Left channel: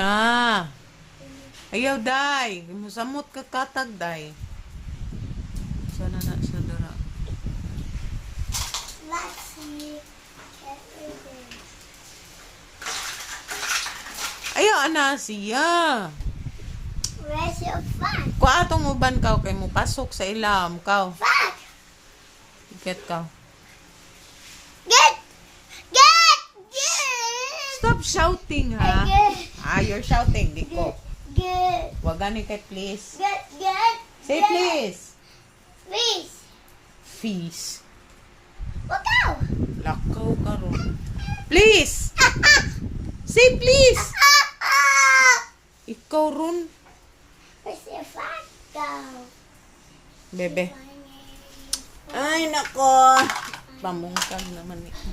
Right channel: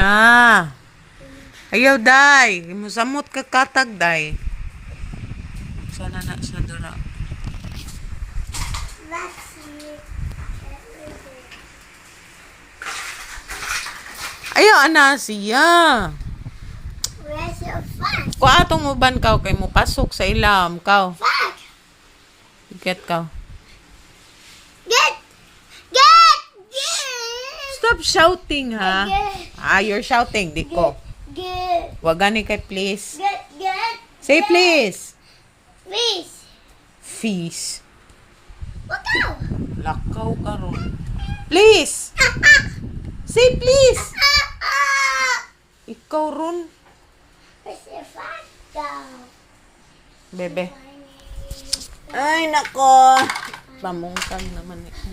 na. Ayaw, day. Musamot ka katag, day. Sana na siya dara. Ayaw, ana siya. Where's your fun? Kung atong uban ka, kay mo pasok sa ilam, ka. Fun! Get ka. Get! Stop shouting, ha? You're shouting, di ko. Get! Wag gani kay please. Get! Say please. Please! Fees. Wakaw! Lakaw ka ron. Please! Say please! Ikaw ron. Where's your fun? Go! Bebe. Ay, nako. Pamungkag naman ito.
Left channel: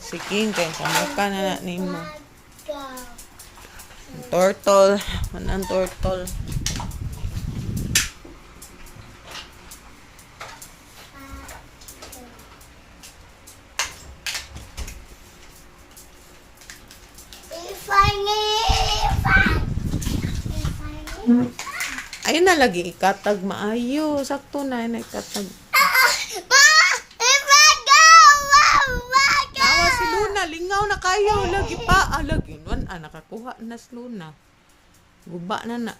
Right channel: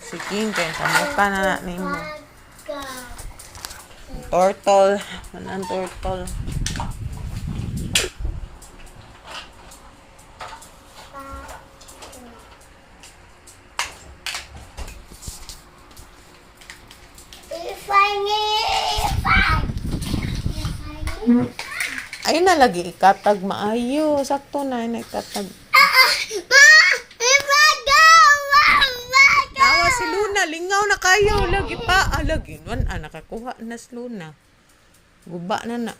Sige, kaya pamungka na ni mo. Go! Turtle. Manang turtle. Ayun na lagi ikatag maayo. Sakto na yun ikatag. Nawa si Luna. Lingaw na kayo. Lagi pa. Lagi. Nakakuha na si Luna. Guba na na.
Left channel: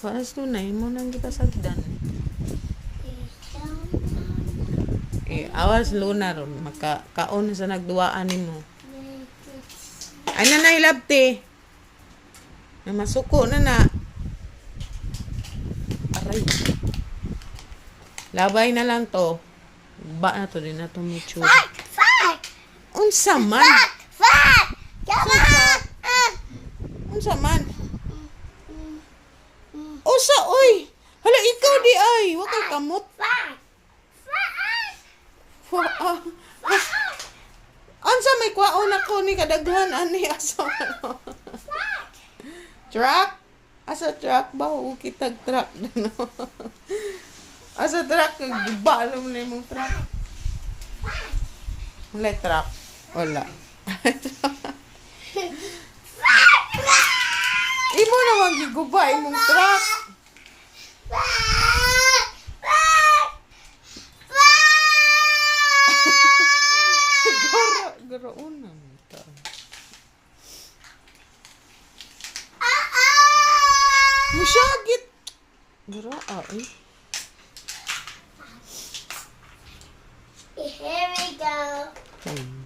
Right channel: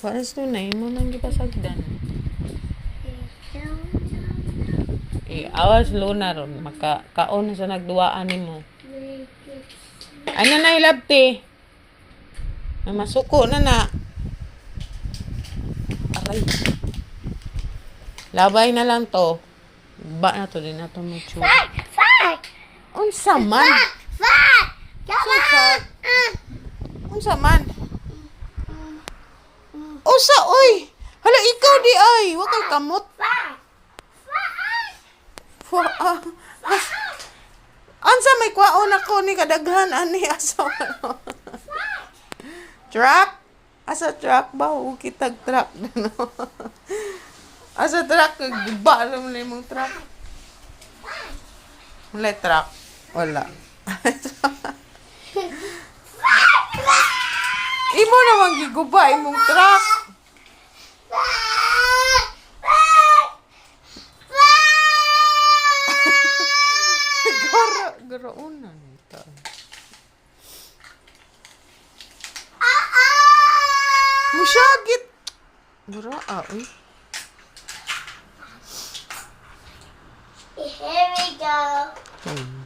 Kuha na si Luna. Yun mo nang gipasagdan. Awas Luna ron. Makakaon na sa nagduwaan mo. Ay na hilabti. Masuko na na. Aray. Labay na lang to. Ba na to din na to mo chu. Unsa man? Unsa man? Usa oy. Hala ikaw di ay. Wa kay kamot. Ansa may kwaon ako ni kadaghan ani asa ano. Truck? Asa truck ba? O kitag truck no. Asa truck giba lang mo mong truck. Wala truck. Wala. Imo naman giguba imong truck. Garo una nito. Musyagit. Garo oy. Here we go.